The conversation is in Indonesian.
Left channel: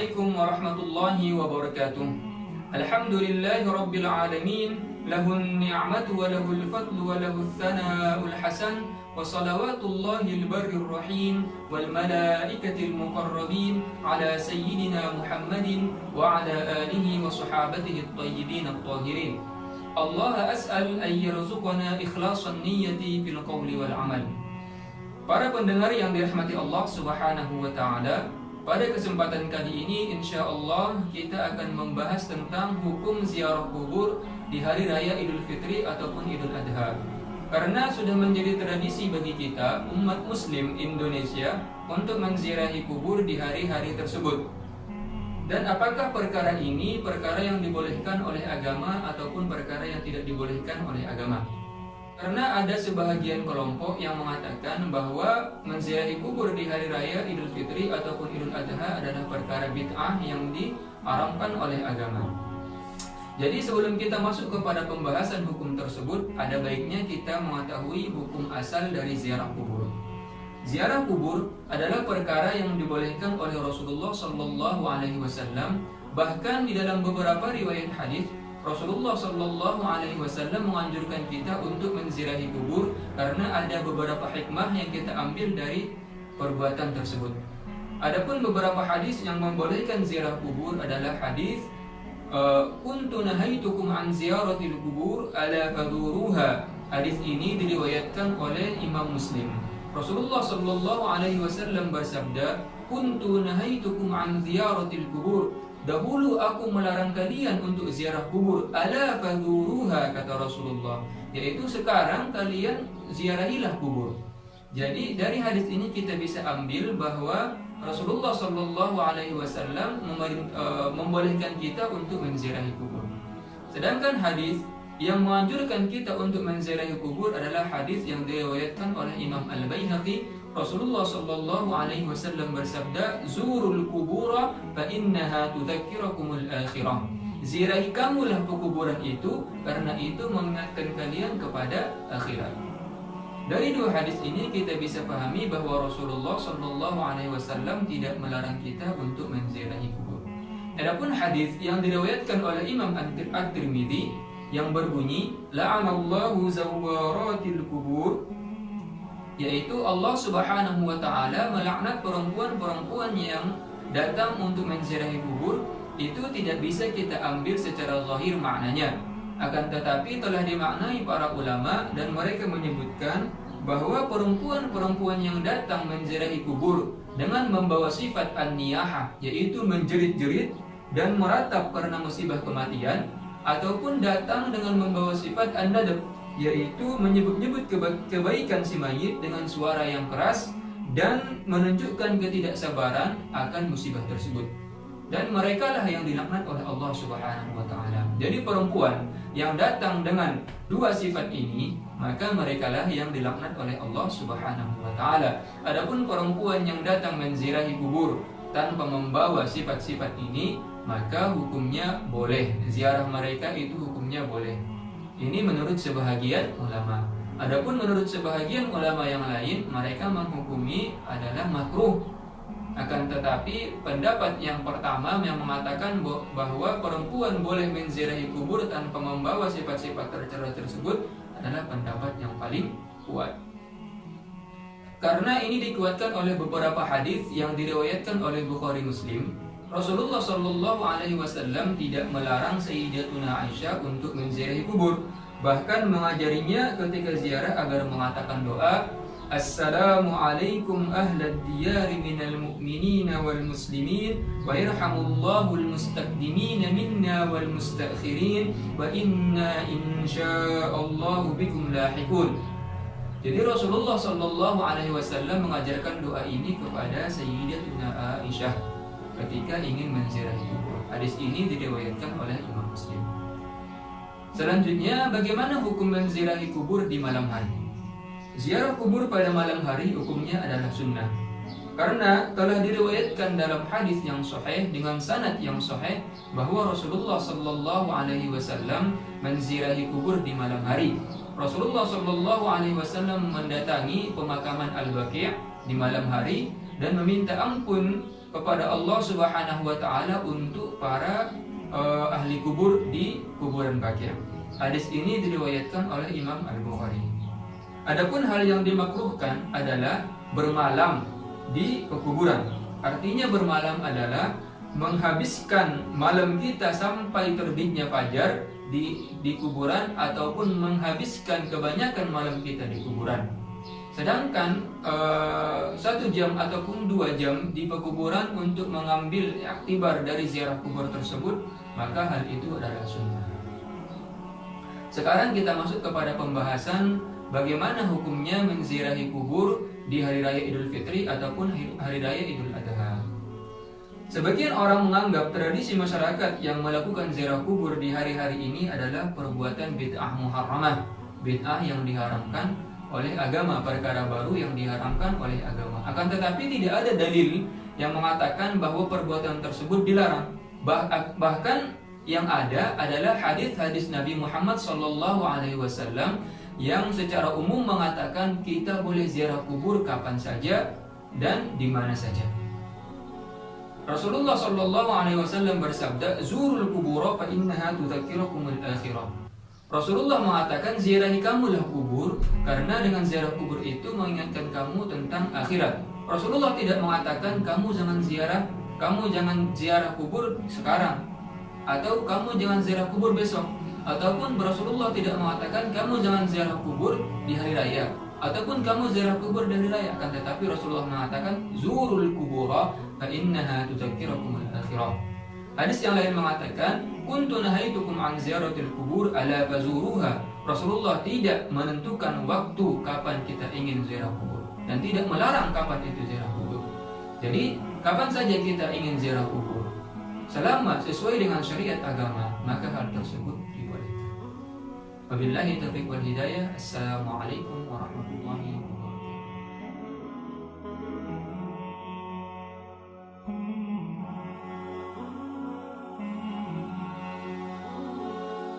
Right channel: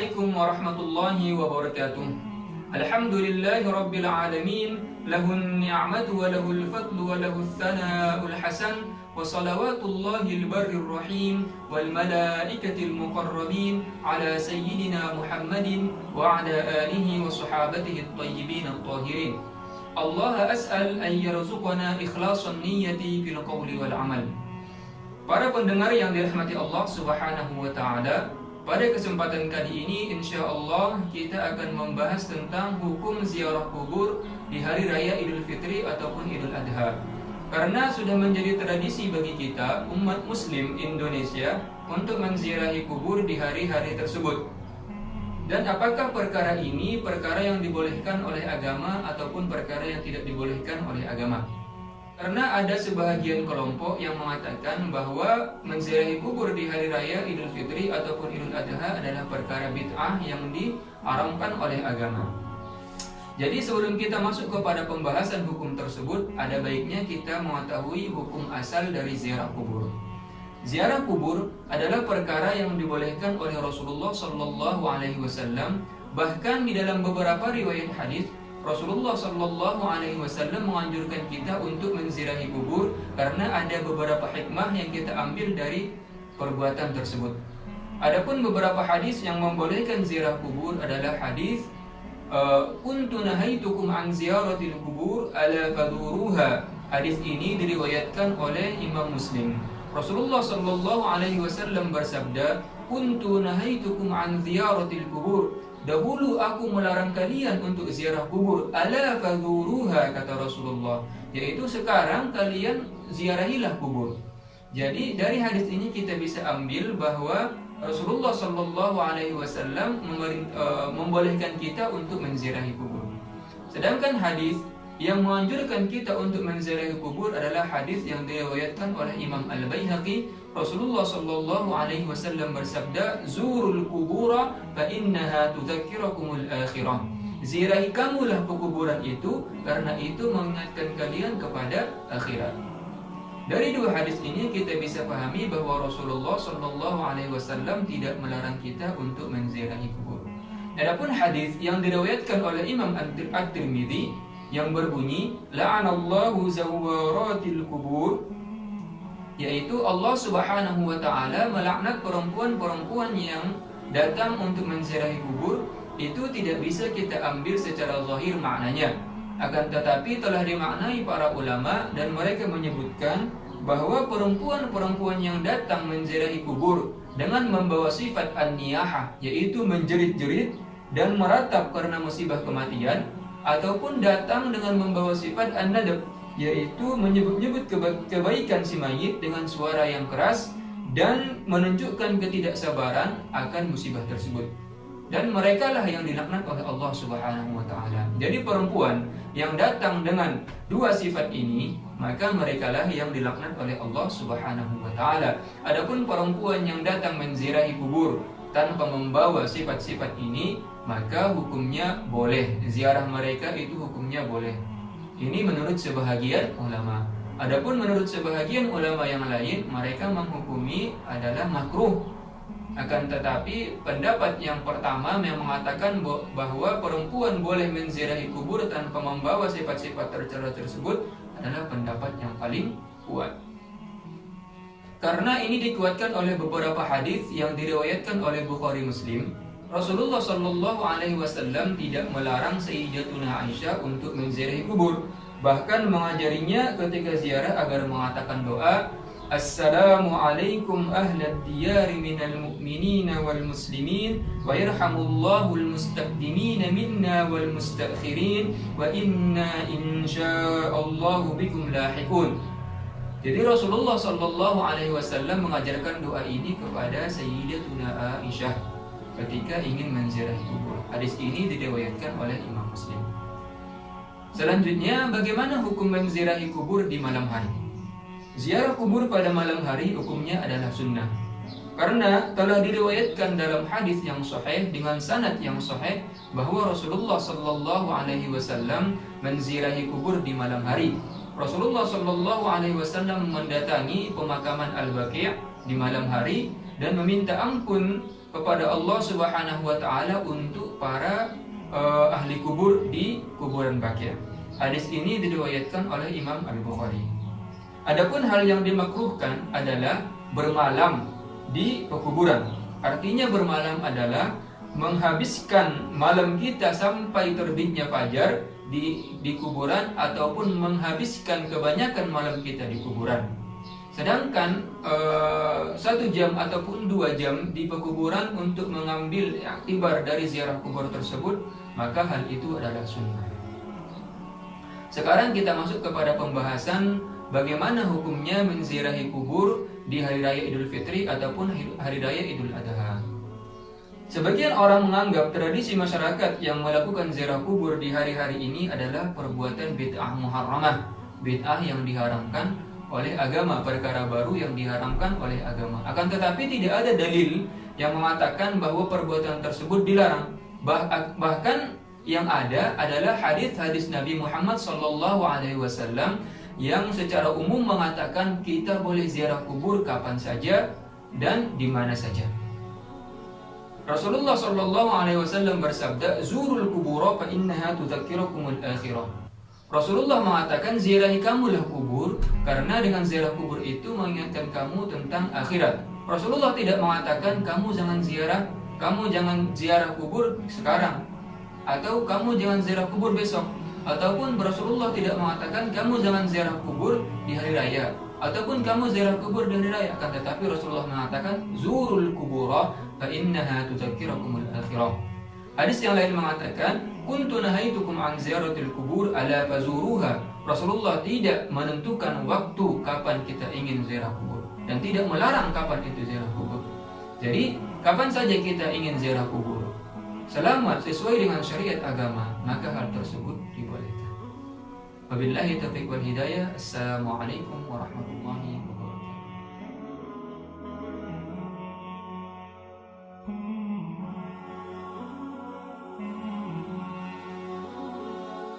Assalamualaikum warahmatullahi wabarakatuh. Alhamdulillahi rabbil alamin. Lahun ni'matu wa lahul fadlu wa lahul thana'ul hasan. Wa salawatullahil barrir rahim wal malaikatil muqarrabin ala sayyidina Muhammadin wa ala alihi wa sahabatihi at-tayyibin at-tahirin. Allah as'al an yarzuqana ikhlasan niyyati fil qawli wal amal. Para pendengar yang dirahmati Allah Subhanahu wa taala, pada kesempatan kali ini insyaallah kita akan membahas tentang hukum ziarah kubur di hari raya Idul Fitri ataupun Idul Adha. Karena sudah menjadi tradisi bagi kita umat muslim Indonesia untuk menziarahi kubur di hari-hari tersebut. Dan apakah perkara ini perkara yang dibolehkan oleh agama ataupun perkara yang tidak dibolehkan oleh agama? Karena ada sebahagian kelompok yang mengatakan bahwa menziarahi kubur di hari raya Idul Fitri ataupun Idul Adha adalah perkara bid'ah yang diharamkan oleh agama. Jadi sebelum kita masuk kepada pembahasan hukum tersebut, ada baiknya kita mengetahui hukum asal dari ziarah kubur. Ziarah kubur adalah perkara yang dibolehkan oleh Rasulullah Shallallahu Alaihi Wasallam. Bahkan di dalam beberapa riwayat hadis, Rasulullah Shallallahu Alaihi Wasallam menganjurkan kita untuk menziarahi kubur karena ada beberapa hikmah yang kita ambil dari perbuatan tersebut. Adapun beberapa hadis yang membolehkan ziarah kubur adalah hadis kuntu nahaitukum an ziyaratil kubur ala faduruha. Hadis ini diriwayatkan oleh Imam Muslim. Rasulullah Shallallahu Alaihi Wasallam bersabda, kuntu nahaitukum an ziyaratil kubur. Dahulu aku melarang kalian untuk ziarah kubur. Ala faduruha, kata Rasulullah, yaitu sekarang kalian ziarahilah kubur. Jadi dari hadis ini kita bisa ambil bahwa Rasulullah Shallallahu Alaihi Wasallam membolehkan kita untuk menziarahi kubur. Sedangkan hadis yang menganjurkan kita untuk menziarahi kubur adalah hadis yang diriwayatkan oleh Imam Al-Baihaqi. Rasulullah Shallallahu Alaihi Wasallam bersabda, zurul kubura fa innaha tudzakkirakumul akhirah. Ziarahi kamulah kuburan itu karena itu mengingatkan kalian kepada akhirat. Dari dua hadis ini kita bisa pahami bahwa Rasulullah Shallallahu Alaihi Wasallam tidak melarang kita untuk menziarahi kubur. Adapun hadis yang diriwayatkan oleh Imam At-Tirmidzi yang berbunyi, la'anallahu zawwaratil kubur, yaitu Allah Subhanahu wa taala melaknat perempuan-perempuan yang datang untuk menziarahi kubur. Itu tidak bisa kita ambil secara zahir maknanya. Akan tetapi telah dimaknai para ulama dan mereka menyebutkan bahwa perempuan-perempuan yang datang menziarahi kubur dengan membawa sifat an-niyahah, yaitu menjerit-jerit dan meratap karena musibah kematian, ataupun datang dengan membawa sifat an-nadab, yaitu menyebut-nyebut kebaikan si mayit dengan suara yang keras dan menunjukkan ketidaksabaran akan musibah tersebut. Dan merekalah yang dilaknat oleh Allah Subhanahu wa taala. Jadi perempuan yang datang dengan dua sifat ini, maka merekalah yang dilaknat oleh Allah Subhanahu wa taala. Adapun perempuan yang datang menziarahi kubur tanpa membawa sifat-sifat ini, maka hukumnya boleh. Ziarah mereka itu hukumnya boleh. Ini menurut sebahagian ulama. Adapun menurut sebahagian ulama yang lain, mereka menghukumi adalah makruh. Akan tetapi pendapat yang pertama yang mengatakan bahwa perempuan boleh menziarahi kubur tanpa membawa sifat-sifat tercela tersebut adalah pendapat yang paling kuat. Karena ini dikuatkan oleh beberapa hadis yang diriwayatkan oleh Bukhari Muslim. Rasulullah Shallallahu Alaihi Wasallam tidak melarang Sayyidatuna Aisyah untuk menziarahi kubur, bahkan mengajarinya ketika ziarah agar mengatakan doa, Assalamualaikum ahlad diyari minal mu'minina wal muslimin wa yarhamullahu al mustaqdimina minna wal mustakhirin wa inna insyaallahu bikum lahiqun. Jadi Rasulullah Shallallahu Alaihi Wasallam mengajarkan doa ini kepada Sayyidatuna Aisyah ketika ingin menziarahi kubur. Hadis ini diriwayatkan oleh Imam Muslim. Selanjutnya, bagaimana hukum menziarahi kubur di malam hari? Ziarah kubur pada malam hari hukumnya adalah sunnah. Karena telah diriwayatkan dalam hadis yang sahih dengan sanad yang sahih bahwa Rasulullah Shallallahu Alaihi Wasallam menziarahi kubur di malam hari. Rasulullah Shallallahu Alaihi Wasallam mendatangi pemakaman Al-Baqi' di malam hari dan meminta ampun kepada Allah Subhanahu wa taala untuk para ahli kubur di kuburan Baqi'. Hadis ini diriwayatkan oleh Imam Al-Bukhari. Adapun hal yang dimakruhkan adalah bermalam di pekuburan. Artinya bermalam adalah menghabiskan malam kita sampai terbitnya fajar di kuburan, ataupun menghabiskan kebanyakan malam kita di kuburan. Sedangkan 1 jam ataupun 2 jam di pekuburan untuk mengambil iktibar dari ziarah kubur tersebut, maka hal itu adalah sunnah. Sekarang kita masuk kepada pembahasan bagaimana hukumnya menziarahi kubur di hari raya Idul Fitri ataupun hari raya Idul Adha. Sebagian orang menganggap tradisi masyarakat yang melakukan ziarah kubur di hari-hari ini adalah perbuatan bid'ah muharramah, bid'ah yang diharamkan oleh agama, perkara baru yang diharamkan oleh agama. Akan tetapi tidak ada dalil yang mengatakan bahwa perbuatan tersebut dilarang. Bahkan yang ada adalah hadis-hadis Nabi Muhammad SAW yang secara umum mengatakan kita boleh ziarah kubur kapan saja dan di mana saja. Rasulullah SAW bersabda, "Zurul kubura fa innaha tudzakirukumul akhirah." Rasulullah mengatakan, ziarahi kamulah kubur karena dengan ziarah kubur itu mengingatkan kamu tentang akhirat. Rasulullah tidak mengatakan kamu jangan ziarah kubur sekarang, atau kamu jangan ziarah kubur besok, ataupun Rasulullah tidak mengatakan kamu jangan ziarah kubur di hari raya, ataupun kamu ziarah kubur di hari raya. Akan tetapi Rasulullah mengatakan zurul kubura fa innaha tudzakirukumul akhirah. Hadis yang lain mengatakan, kuntu nahaitukum an ziyaratil kubur ala fazuruha. Rasulullah tidak menentukan waktu kapan kita ingin ziarah kubur dan tidak melarang kapan itu ziarah kubur. Jadi, kapan saja kita ingin ziarah kubur, selama sesuai dengan syariat agama, maka hal tersebut dibolehkan. Wabillahi taufiq wal hidayah. Assalamualaikum warahmatullahi wabarakatuh.